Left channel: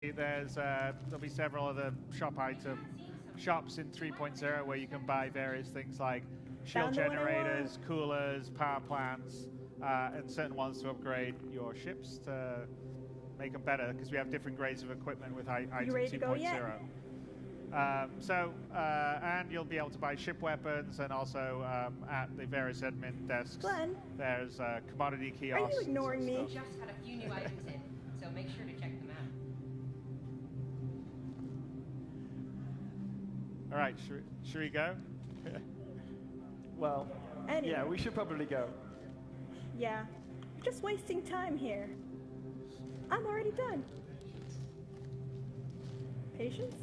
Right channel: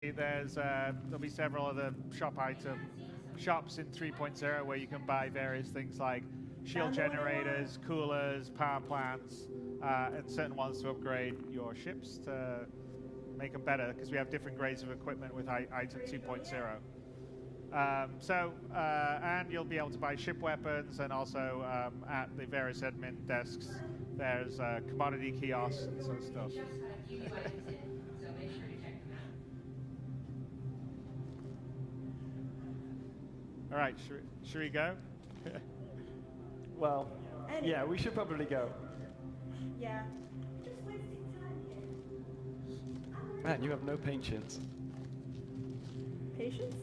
There'll be several other shops in 3.0 where you can buy various things like shield generators, coolers, power plants, and certain ones to upgrade your ships to make them better because we have different grades of equipment with item 2.0. And you'll be able to buy ship weapons, and also at the various admin desks, there's commodity kiosks and stuff. Just had a few new items in, so make sure to check them out. All right, should we go? Well, yeah, we should probably go. Yeah, you're just wasting time here. I'm already done. You have no patience. Patience?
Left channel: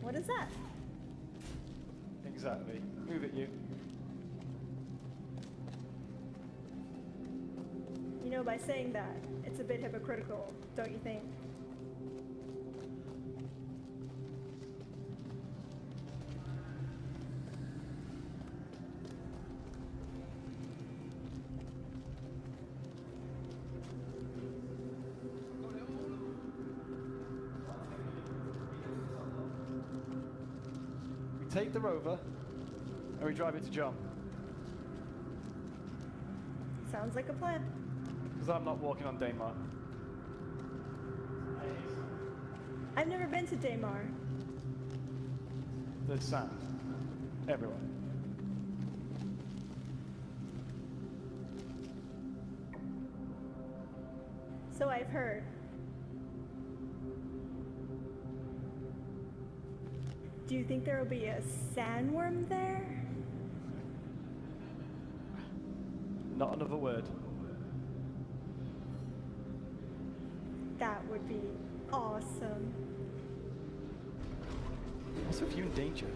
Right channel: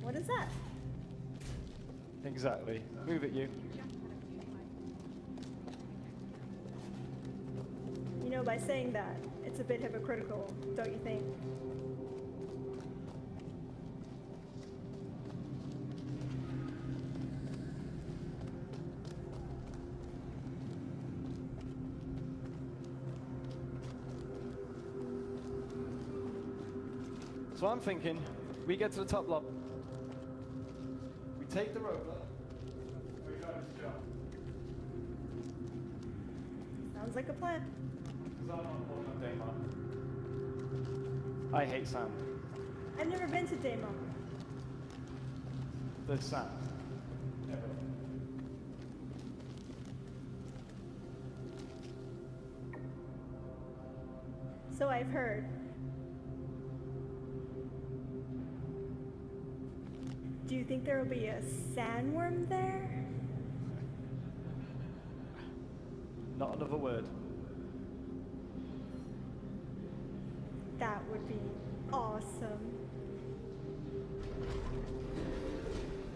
What is that? Exactly. Move it, you. You know, by saying that, it's a bit hypocritical, don't you think? So I'm thinking, we get to the top lobby. We take the rover, and we drive it to John. Sounds like a plan. Because I'm not walking on Daymar. I hate sand. I've never been to Daymar. There's sand everywhere. So I've heard. Do you think there will be a sandworm there? Not another word. That would be awesome. What's with you in danger?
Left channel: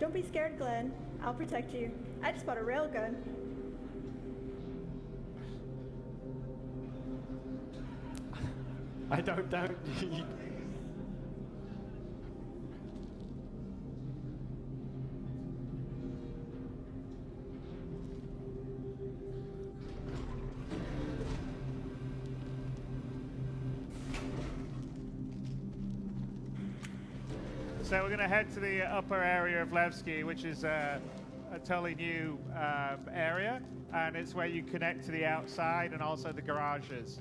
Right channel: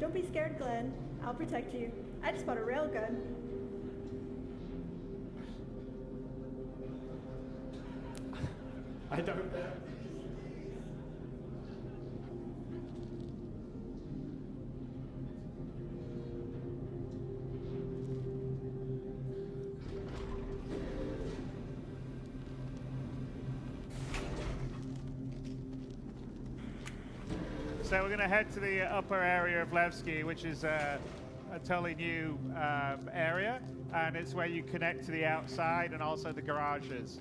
Don't be scared, Glenn. I'll protect you. I just bought a railgun. I don't doubt. So we're going to head to the upper area of Levski, which is a totally new area, and it's where you connect to the outside and also the garages.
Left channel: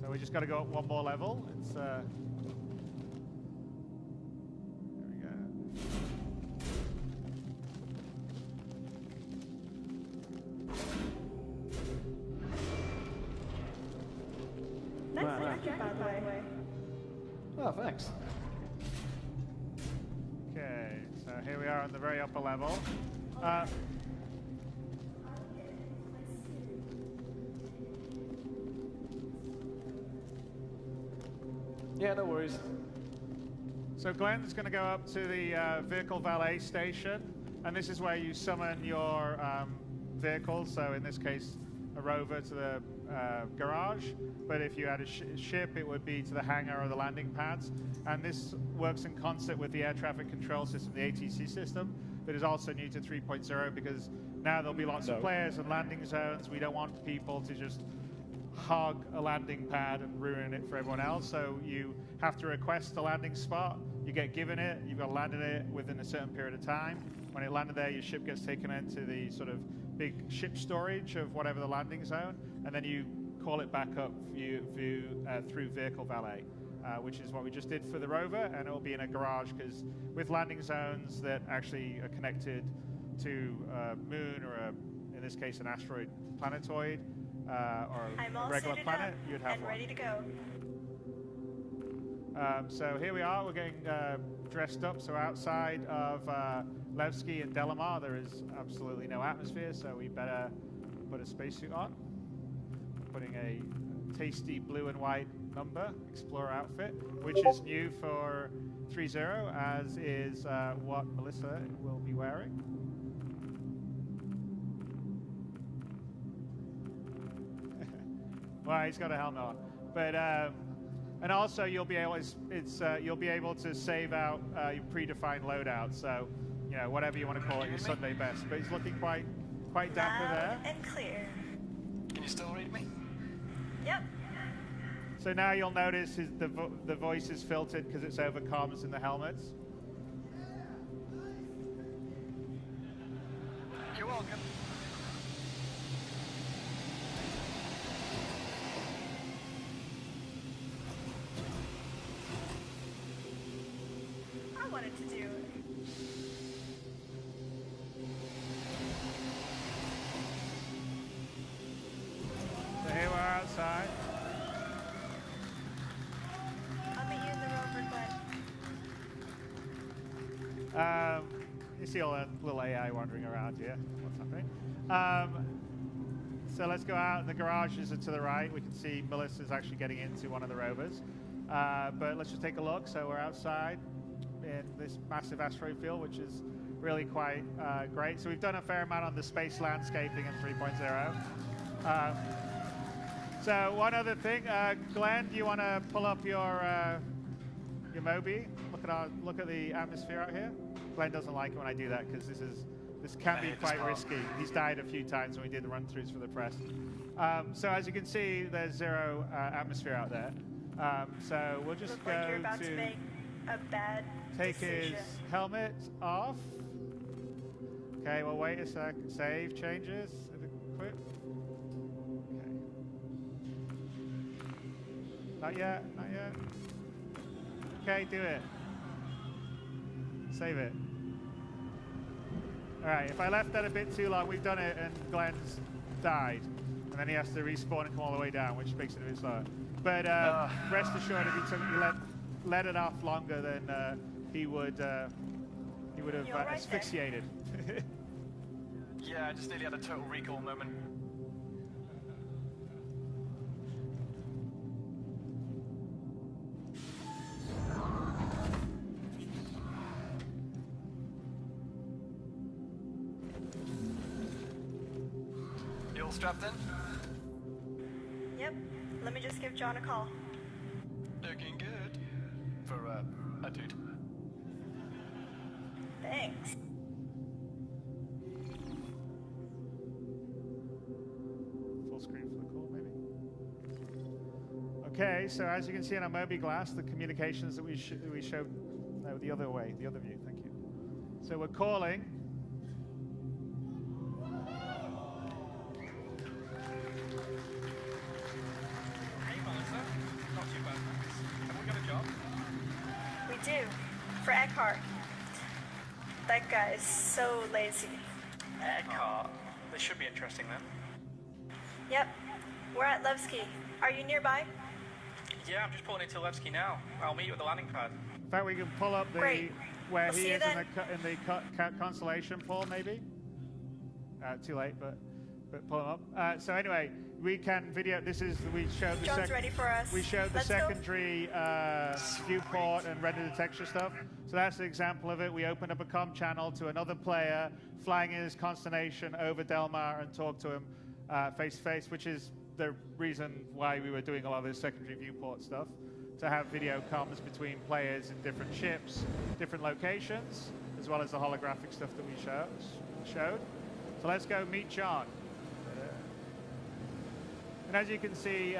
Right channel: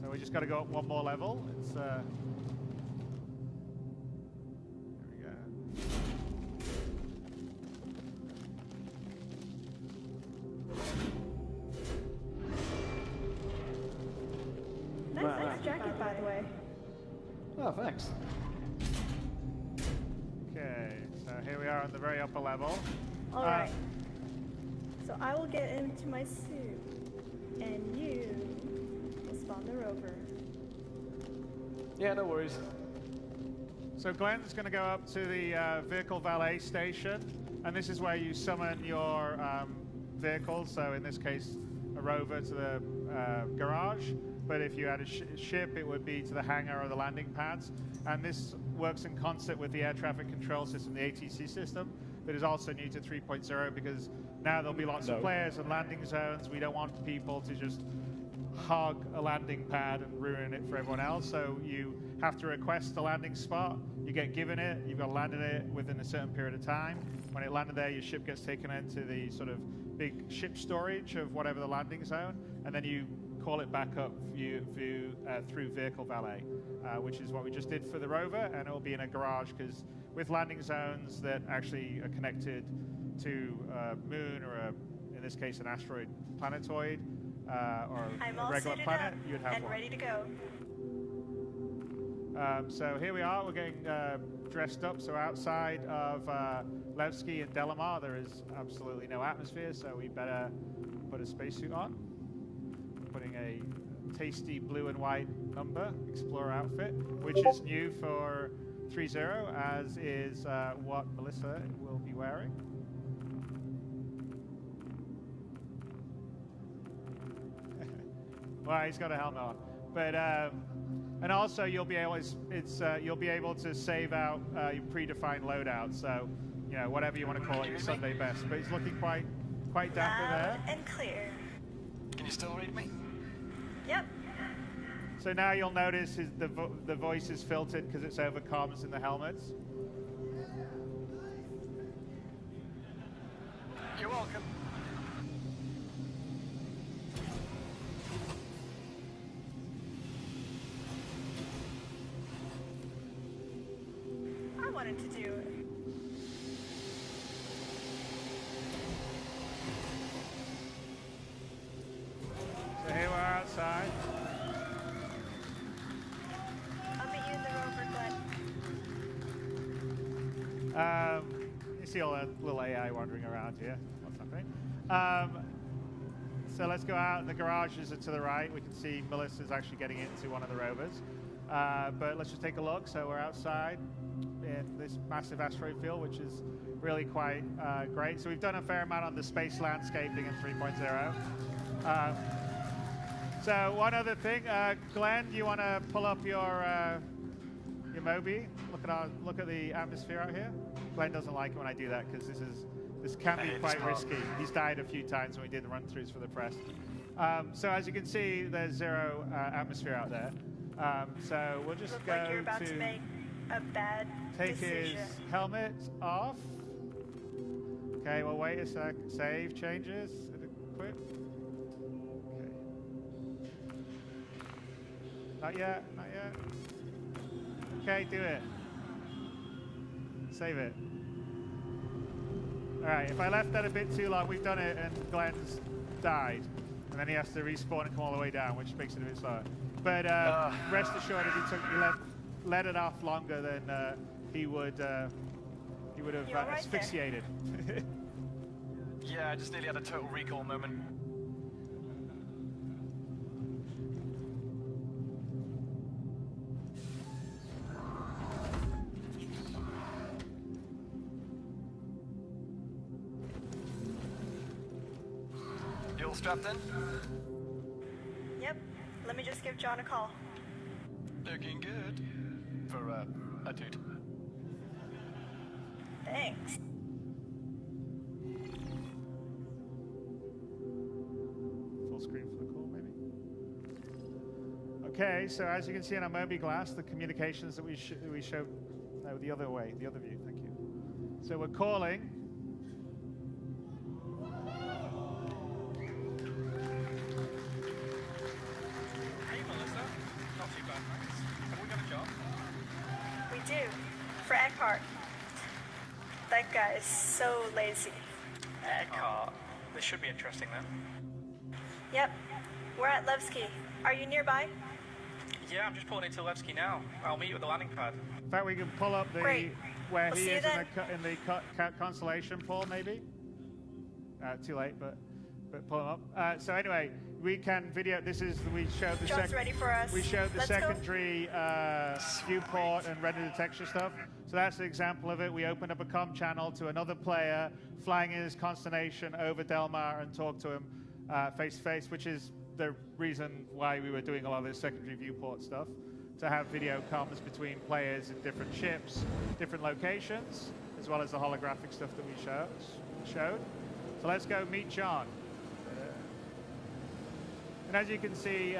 So we just got to go up one more level. It's there we go. Nice jacket, by the way. Oh, thanks. Okay, so here we are on the very upper level. All right. So I will get into my suit, and you will spawn the rover. Yeah, no worries. So Glenn's going to go up to the vehicle valet station, and this is where you summon your vehicles. So in this case, a rover to the garage. But if you had a ship, it would be to the hangar or the landing pads. And this works in concert with the air traffic control system, the ATC system, that is also new to 3.0 because now there'll be lots of players and landing zones. We don't want people to just hog a landing pad and ruin it for everyone else. So you have to request a landing spot. You get given it. You've got to land in it within a certain period of time. When it landed there, your ship gets taken into the sort of big ship storage of whatever the landing zone, and then you call it back up through vehicle valet, which is what we just did for the rover, and it will be in a garage because with landing zones that actually are connected to a moon or in this case, an asteroid planetoid or a regular planet, you'd have one. Ready to go. So here we are. We're getting dressed up. So outside of Levski and Delamar, there is absolutely no atmosphere, so we better put a spacesuit on. Putting a tasty blue and white number Explorer outfit, which is new for 3.0, as is what Melissa will be wearing. Well, he's got a helmet on, but and also you'll be able to save out your predefined loadout. So you know, whatever you want to call it, your Sunday best. But he's looking quite dapper there. And clear. Can you still read me? Yep. So now you'll notice the voice is filtered because it's over comms in the helmets. You're welcome. I wanted to do it. So here we are outside. I'll be using You see all that little AI wandering around here. What's happening? So let's go out. The garages are to the right. We can see Melissa's actually getting into one of the rovers. But let's just take a look. So we're outside in this massive asteroid field, which is really quite great. So we've done a fair amount on the space landscaping in 3.0. So one other thing, Glenn, do you want to pull up your Moby? Look at the atmosphere out here. Glenn doesn't like it when I do that because this can be quite risky. He's died a few times when we did the run-throughs for the press. So as you can see, there's zero atmosphere out there. So we'll just go to take his helmet off. Okay, we'll wait a sec. Save changes. Quit. Okay. Not yet. Not yet. Okay, do it. Save it. All right, if I left that a bit too long, we've done it and Glenn's died. And then he has to respawn and come all the way down, which makes it a bit slower. But rest assured, if you let it off longer, then he would have asphyxiated. Yeah, I just nearly had a total recall moment. You all strapped in? Yep. Let me just give John a call. Looking good. For a dude. Thanks. Full screen for the call, maybe. Okay, so as you can see on our Moby glass, the communications that we showed, no, the other way, the other view. Thank you. So we're calling. We do. Frag Park. That guy is so lazy. This should be interesting then. Yep. We're at Levski. Are you nearby? Yeah, I'm just pulling into Levski now. I'll meet you at the landing pad. In fact, we can pull up the Great. where We'll he see you is in the constellation, Paul, maybe. Too late, but pull him up. So anyway, we can video. This is we showed the Joe's ready for us. we showed the Let's go. secondary viewport and render the texture stuff. So that's an example of it. We opened up a comm channel to another player flying in his constellation over Delmar and talk to him face to face, which is the reason why we were doing a lot of this secondary viewport stuff, to have video comms between players in different ships, different locations, as well as the holographic stuff that we showed. So let's go meet John. And as you can see,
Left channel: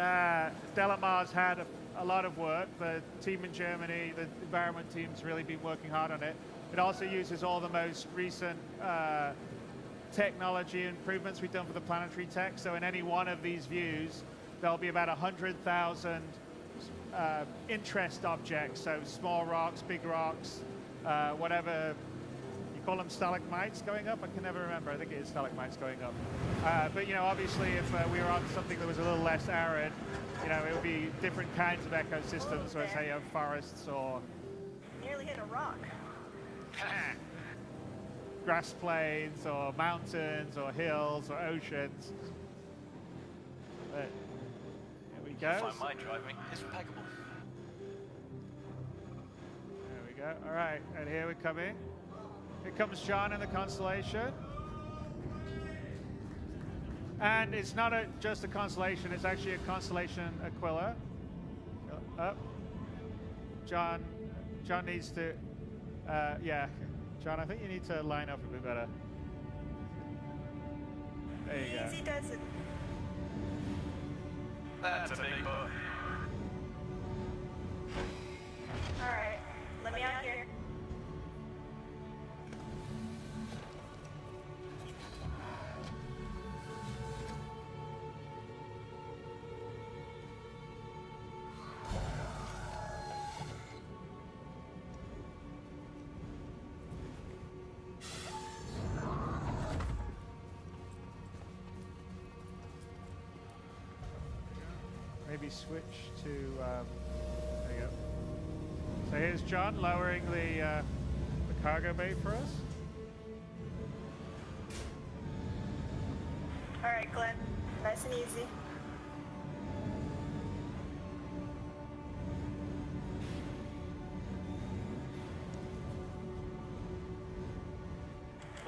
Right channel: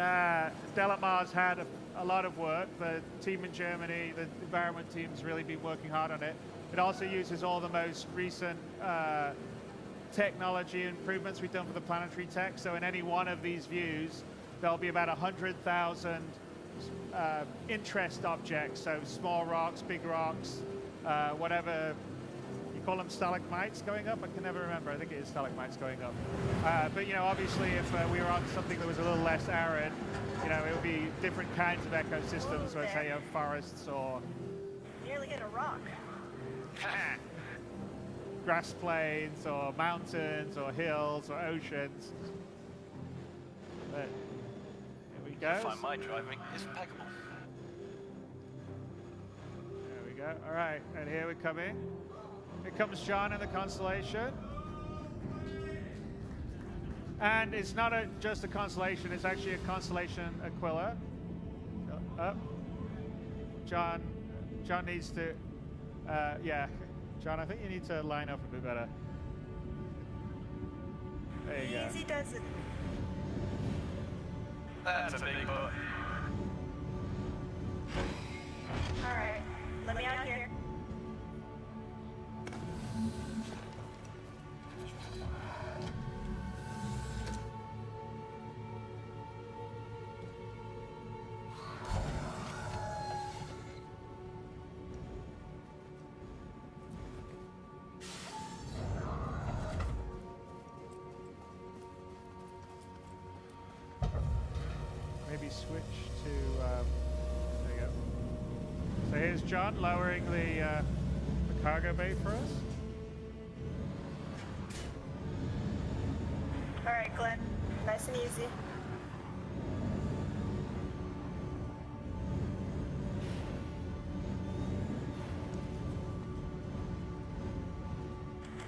Delamar's had a lot of work. The team in Germany, the environment team's really been working hard on it. It also uses all the most recent technology improvements we've done for the planetary tech. So in any one of these views, there'll be about 100,000 interest objects. So small rocks, big rocks, whatever. You call them stalagmites going up? I can never remember. I think it is stalagmites going up. But you know, obviously, if we were on something that was a little less arid, you know, it would be different kinds of ecosystems. So say you have forests or Nearly hit a rock. grass plains or mountains or hills or oceans. But here we go. Find my driving is impeccable. There we go. All right, and here we come in. Here comes John in the constellation. And it's not just a constellation, it's actually a constellation Aquila. Up. John needs to, yeah. John, I think you need to line up a bit better. There you go. Easy does it. That's a big boy. Alright, let me out here. Maybe switch to, there you go. So here's John lowering the cargo bay for us. Alright, Glenn. Nice and easy.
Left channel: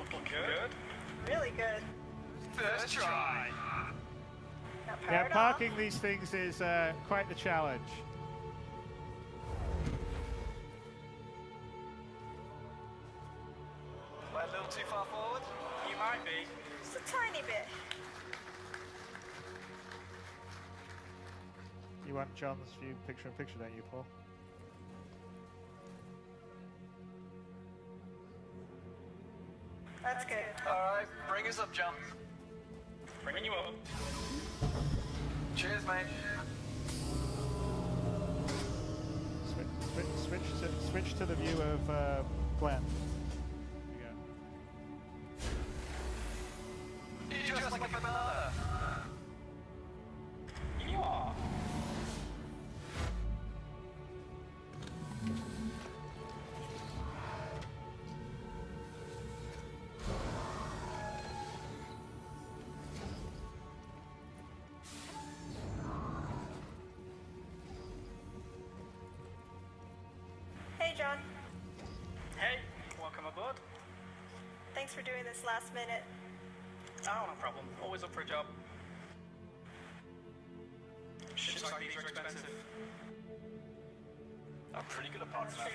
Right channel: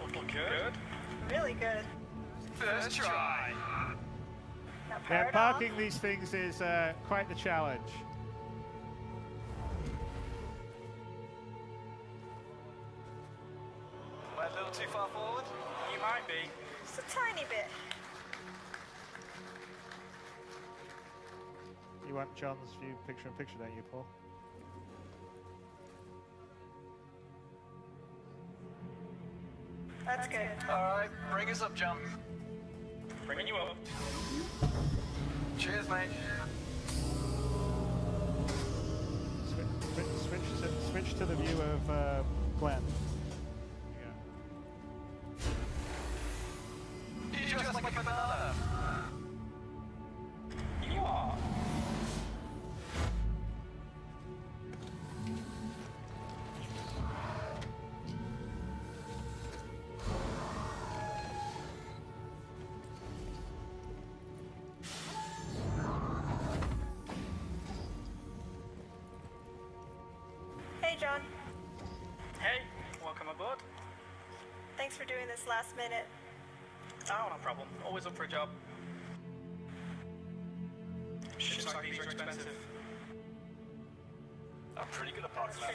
Looking good. Really good. First try. Yeah, parking these things is quite the challenge. A little too far forward? You might be. Just a tiny bit. You want John's view picture in picture, don't you, Paul? That's good. Alright, bring us up, John. Bringing you up. Cheers, mate. Switch to the view of Glenn. There you go. You just look at that. You are. Hey, John. Hey, welcome aboard. Thanks for doing this last minute. Oh, no problem. Always up for a job. Ships like these are expensive. I'm pretty good at parts of that.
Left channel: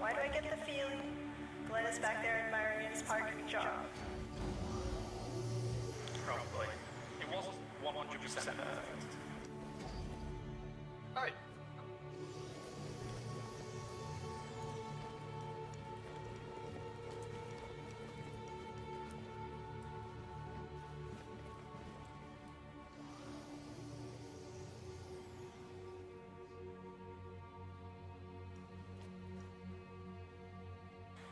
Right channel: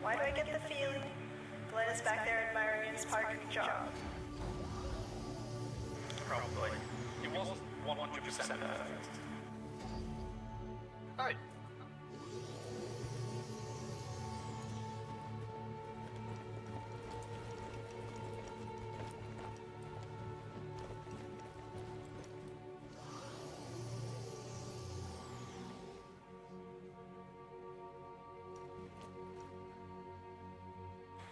Why do I get the feeling Glenn is back there admiring his parking job? Probably. It wasn't 100% perfect. Hey.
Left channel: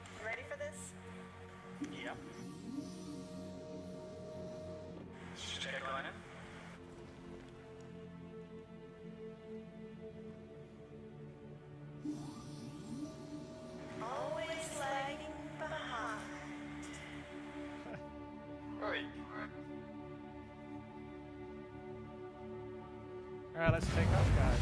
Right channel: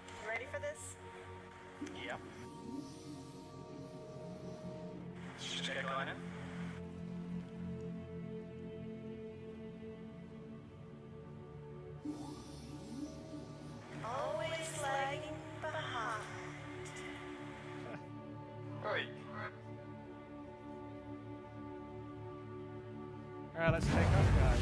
You ready for this? Yeah. Stay running. Always lagging behind. Right. All right, let's take off, guys.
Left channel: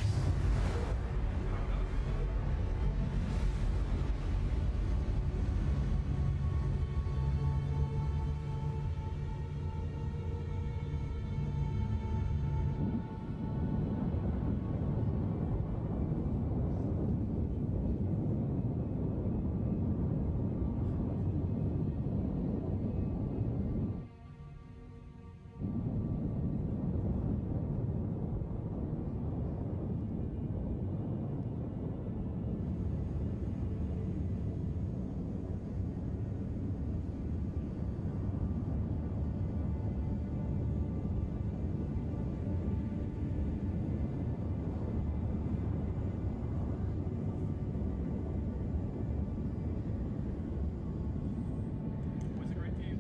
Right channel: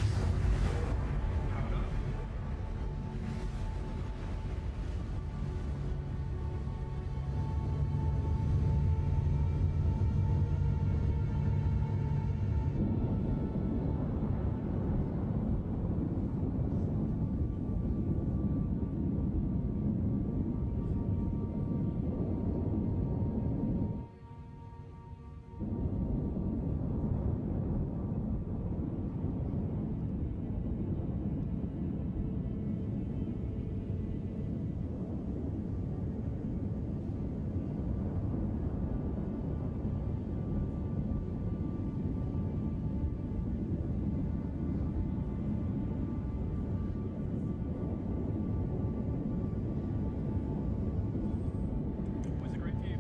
Was it great view?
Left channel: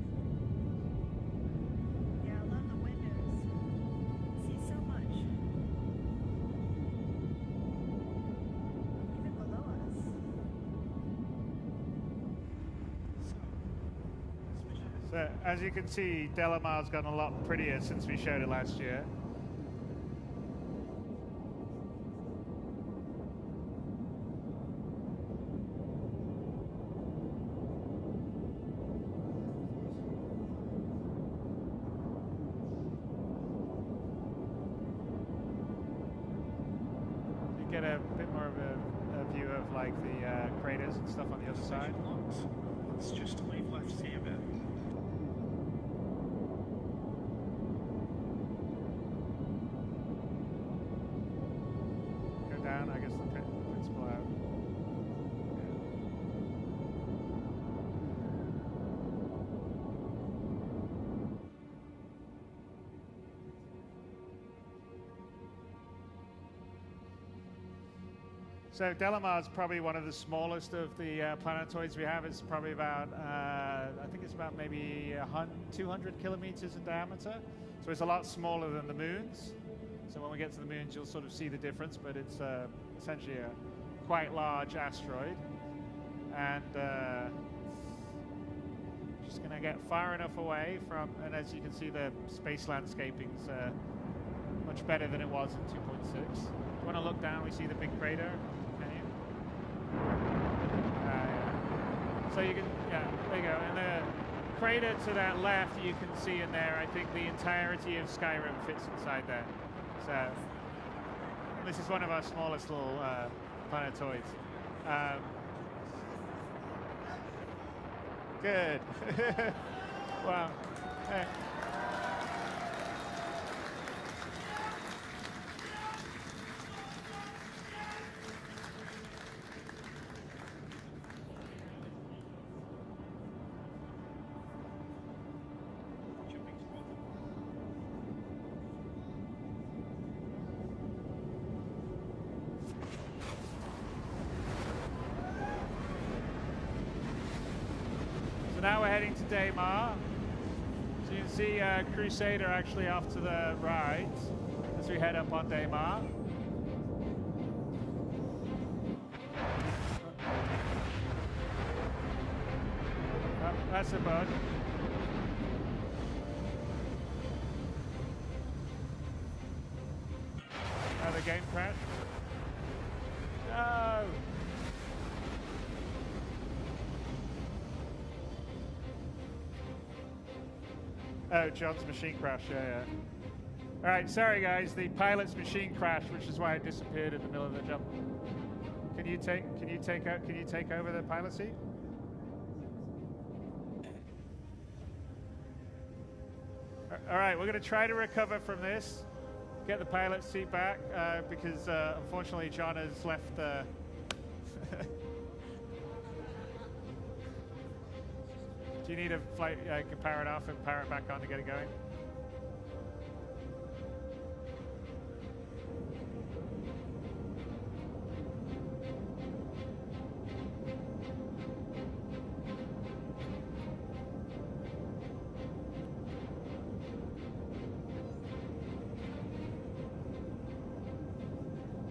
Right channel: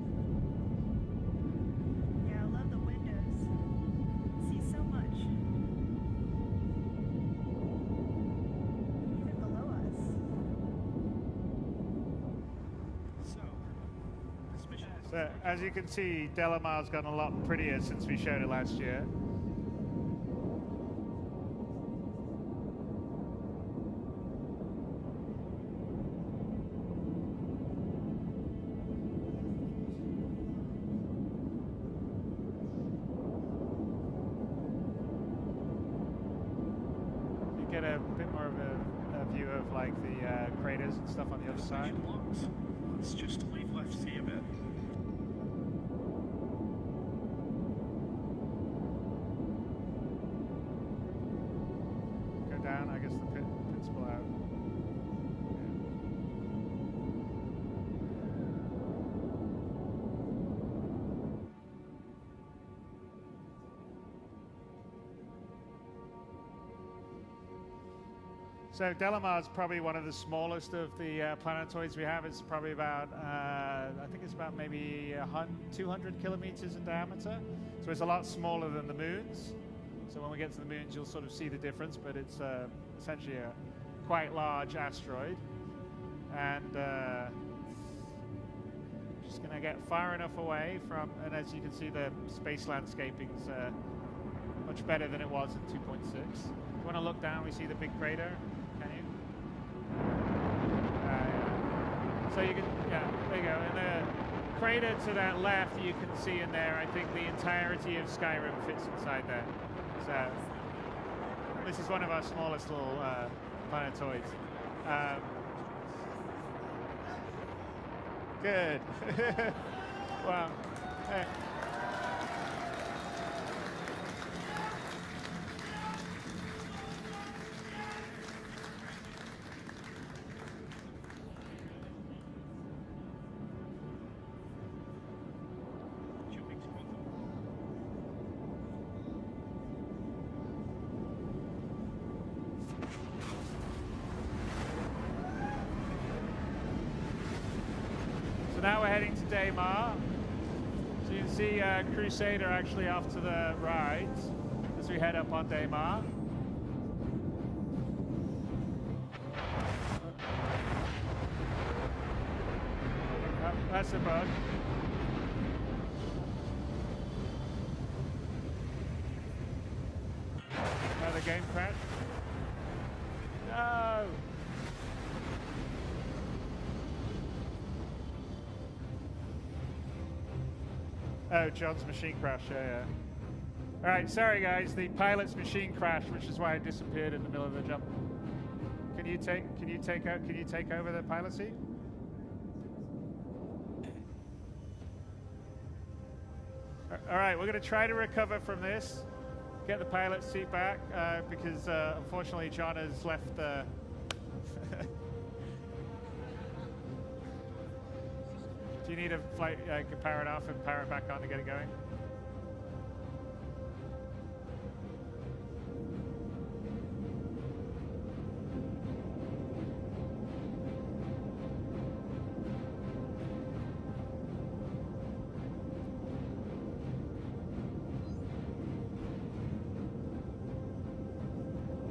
Yeah, I love the windows. See so much. Even below us. So, as you can see, Delamar's gotten a lot prettier since we showed it last year. You get a bit more more of a view of like the craters and stuff on the other side. Let's just leave left see a bit. Go down, I guess the pits pull out. Yeah. So Delamar is probably one of the smallest of the planetoids we have. It's probably about, I think it's about maybe 200 kilometers in diameter. So it's a lot smaller than the moons. So when we get to the moons, you'll sort of see the difference, but it's essentially a quite large asteroid. And just gonna get far enough away from, and as you can see, the space landscaping's much better than it was in 2.6. If you wanna look down, we see the big crater. Can you? Yeah. So you can, yeah, there you go. And the crater to that left, you can see in there, I think the entirety of Skyrim fits inside there. So, and this is one of our smallest little planetoids. Good. Wow. Hey. Now we're heading to Daymar. So you can see Crusader actually off to the right as we head up on Daymar. Oh, that's a bug. Oh, the game crashed. No! Oh, John's machine crash, yeah. All right, sorry guys, the pilot's machine crashed, which is why it disappeared in the middle of the jump. Can you take over the pilot seat? All right, we're going to try to recover from this, get the pilot seat back, because unfortunately John has left the. Do you need a flight, power it off and power it back on to get it going?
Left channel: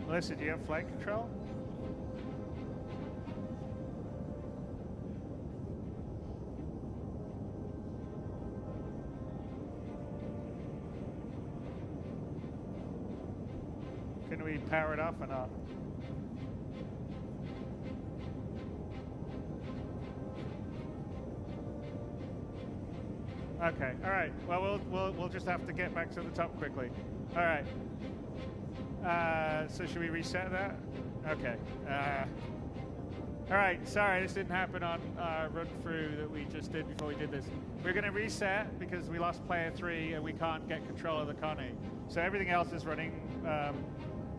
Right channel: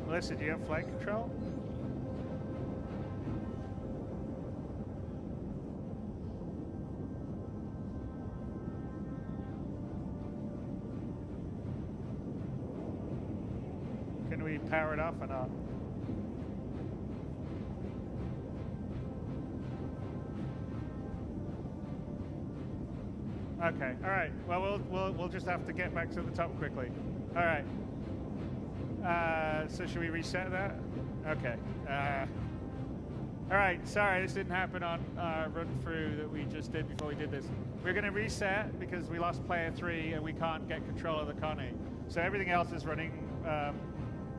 Melissa, do you have flight control? Can we power it off or not? Okay. All right. Well, we'll just have to get back to the top quickly. All right. So should we reset that? Okay. All right. Sorry, this didn't happen on run through that we just did before we did this. We're going to reset because we lost player 3 and we can't get control of the Connie. So everything else is running.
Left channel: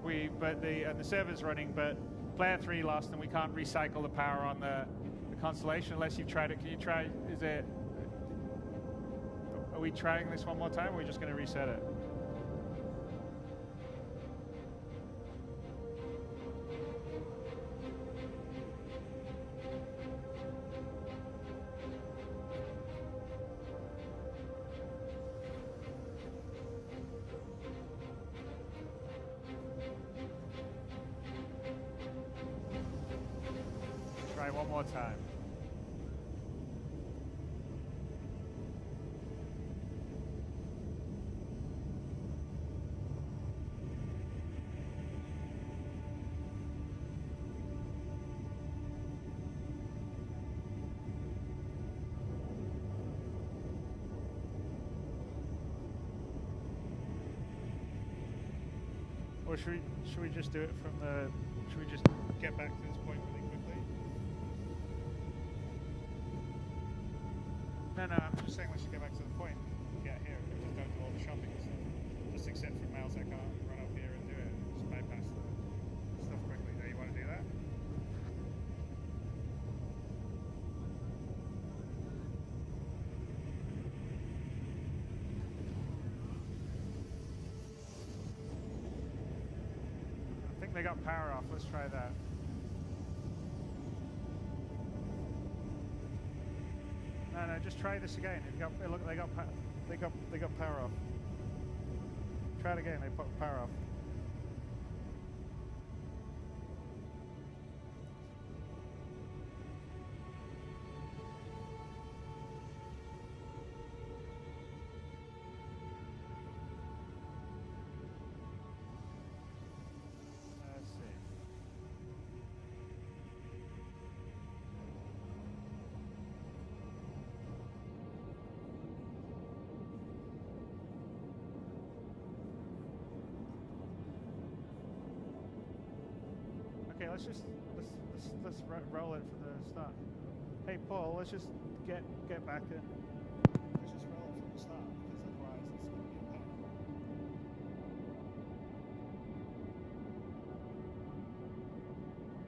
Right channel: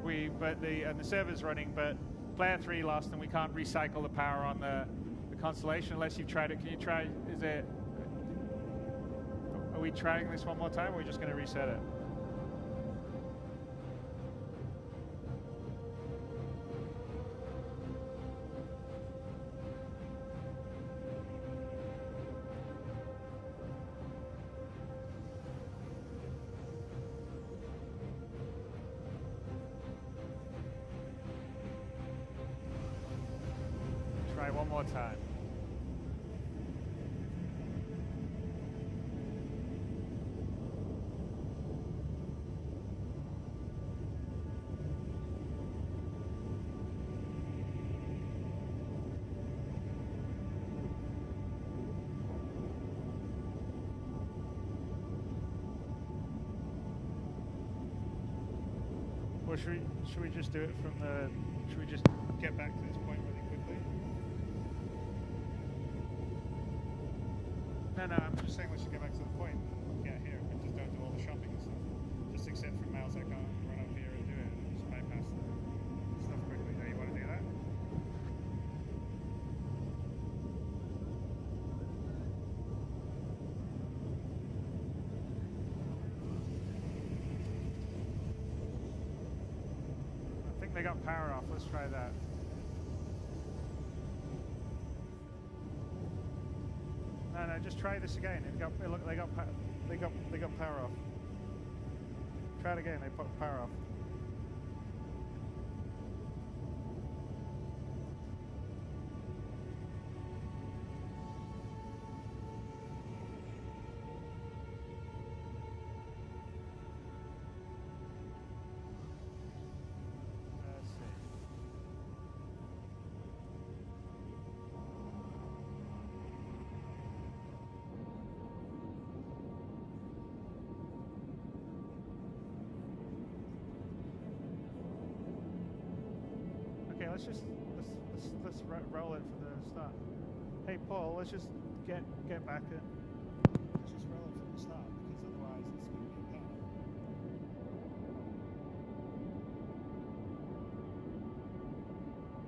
The server's running, but player 3 lost, and we can't recycle the power on the constellation unless you've tried it. Can you try? Are we trying this one more time, or are we just going to reset it? Try one more time. Or should we just do it from the? Should we just get back to this point really quickly? No, I'm just saying we should get back to the point and get here and just don't do all the shopping and stuff. Just accept from Miles I can't run up here and do it. Just bypass the stuff quickly. Do you want to do that? I think they got power off. Let's try that. No, just try this again. Look, they got power off. Try it again. They put power off. Let's see. Okay, let's roll it from the start. Hey Paul, let's just get back in. Let's just roll it from the start because otherwise it's going to be a pain.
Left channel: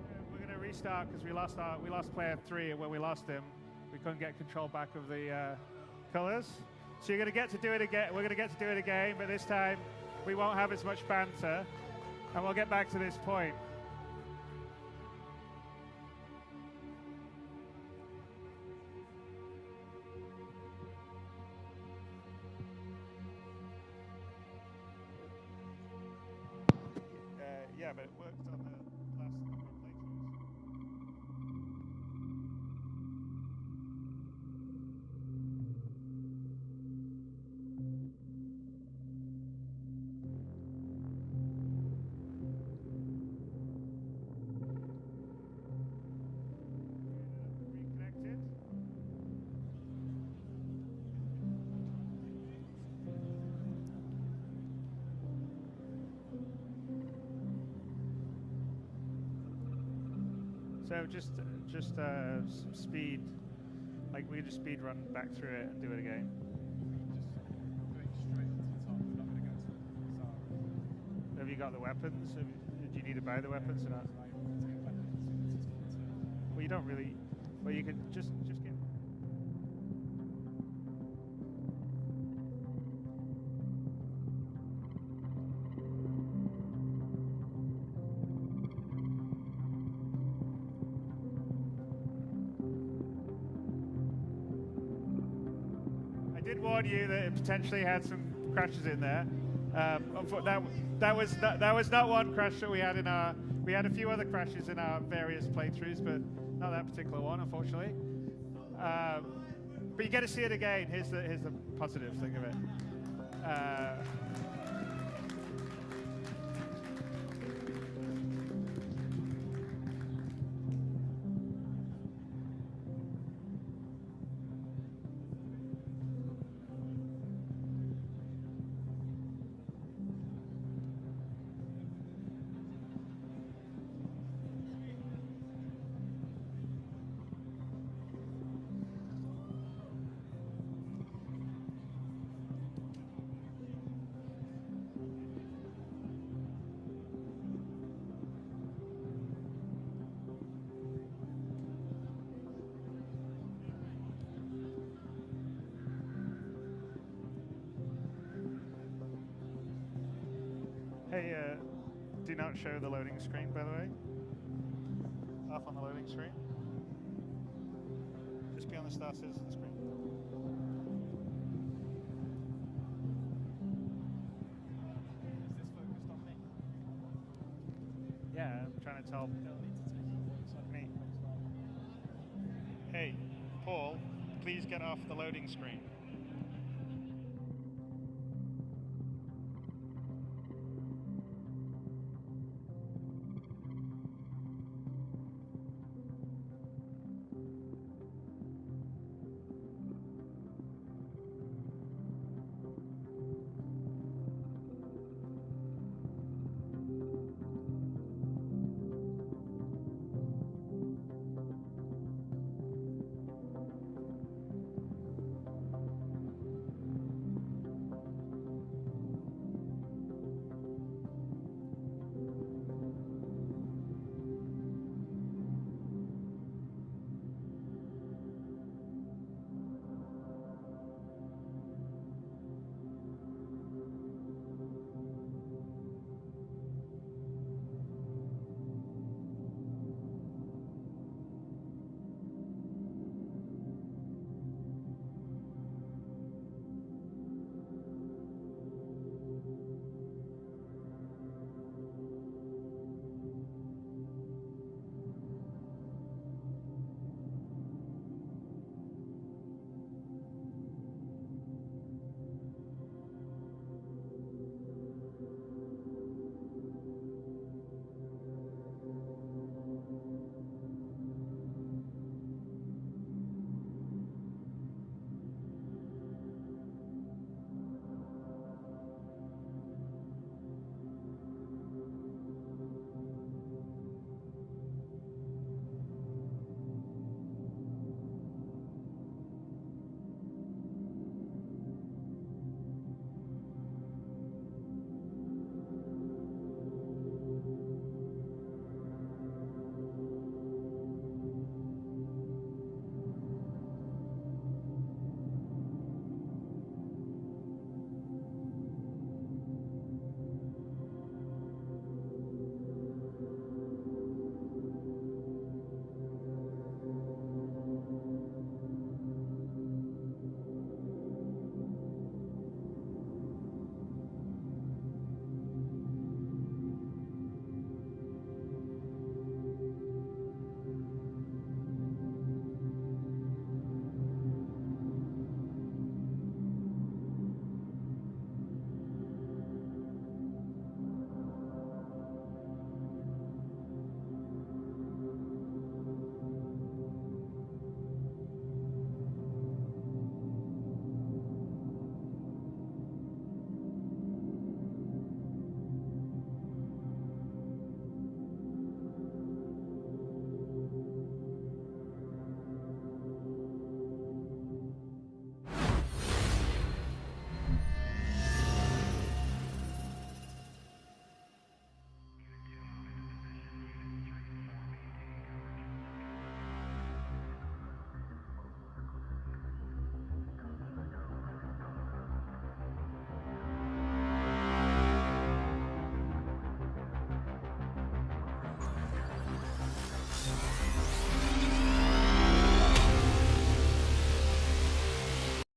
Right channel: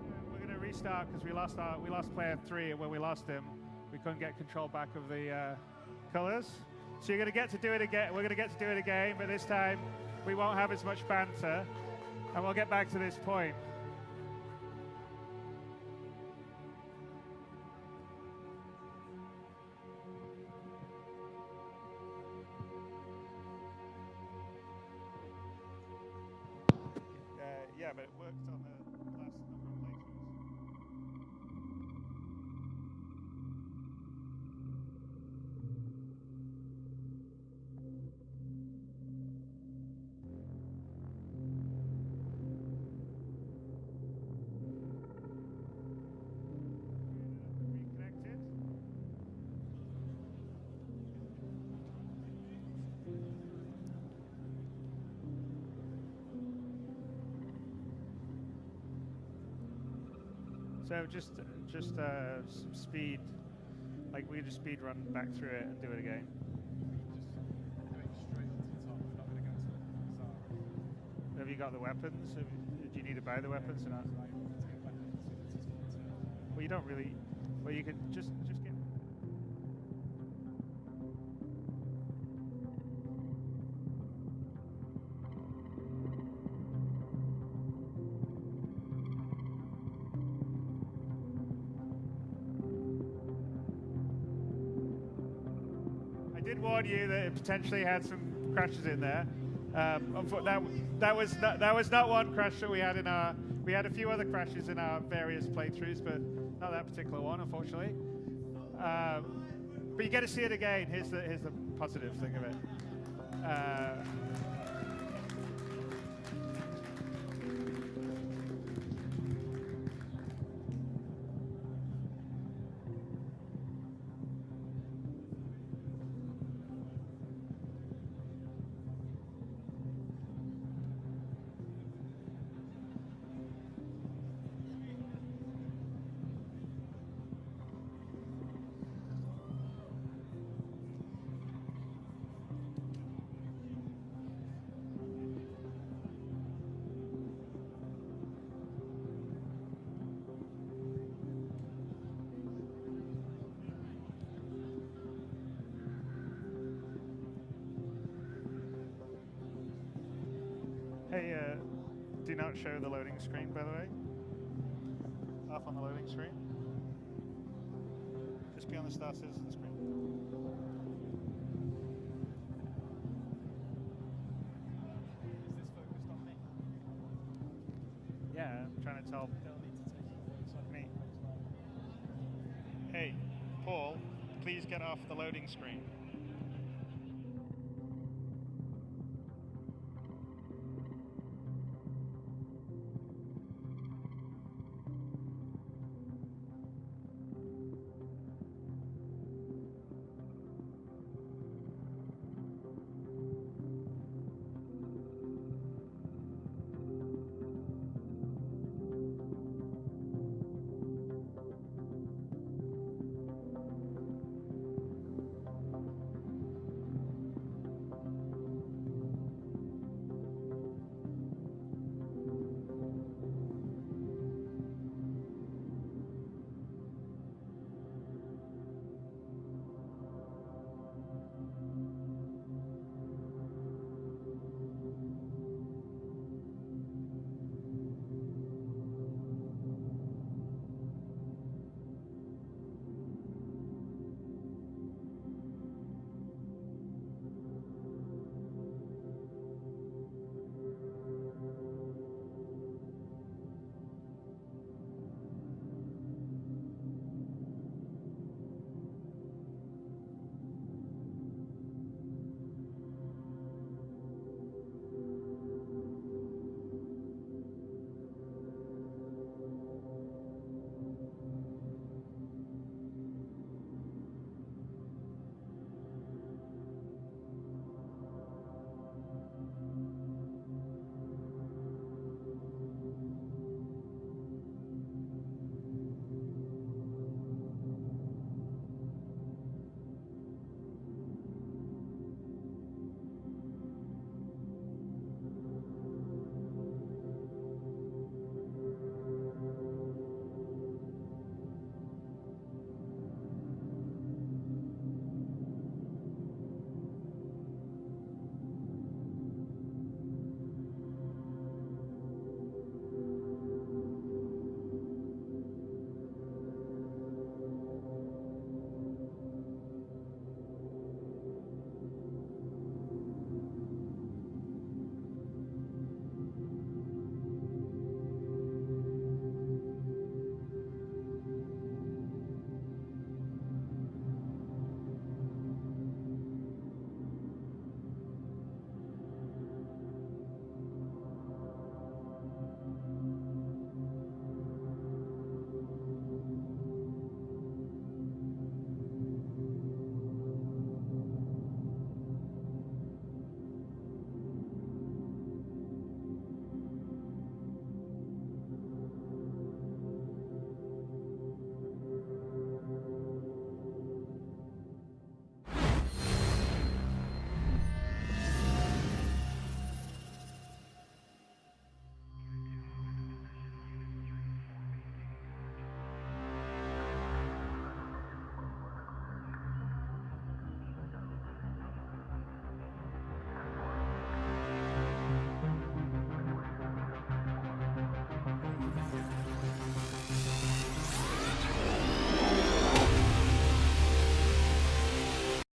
Yeah, we're going to restart because we lost player 3, and when we lost him, we couldn't get control back of the colors. So you're going to get to do it again. We're going to get to do it again, but this time we won't have as much banter, and we'll get back to this point. Yeah, but it worked on the last number of playthroughs. Reconnected. So just some speed, like we just speed run back through it and do it again. Have you got the weapons? Do you need to buy the weapons or not? Well, you don't really. Well, you can just get. I did warn you that it potentially had some crashes in there. That was not one crash that we had in our. We had a few other crashes in our various playthroughs, but not that particular one, unfortunately. But you get to see it again. Here's the positive thing of it. Hey, do not show the loading screen, by the way. Off on the loading screen. Just be on the Star Citizen screen. Is this focused on me? Yeah, I'm trying to tell. They'll need to take it away so I Me. can close that. Hey, Paul, please get off the loading screen.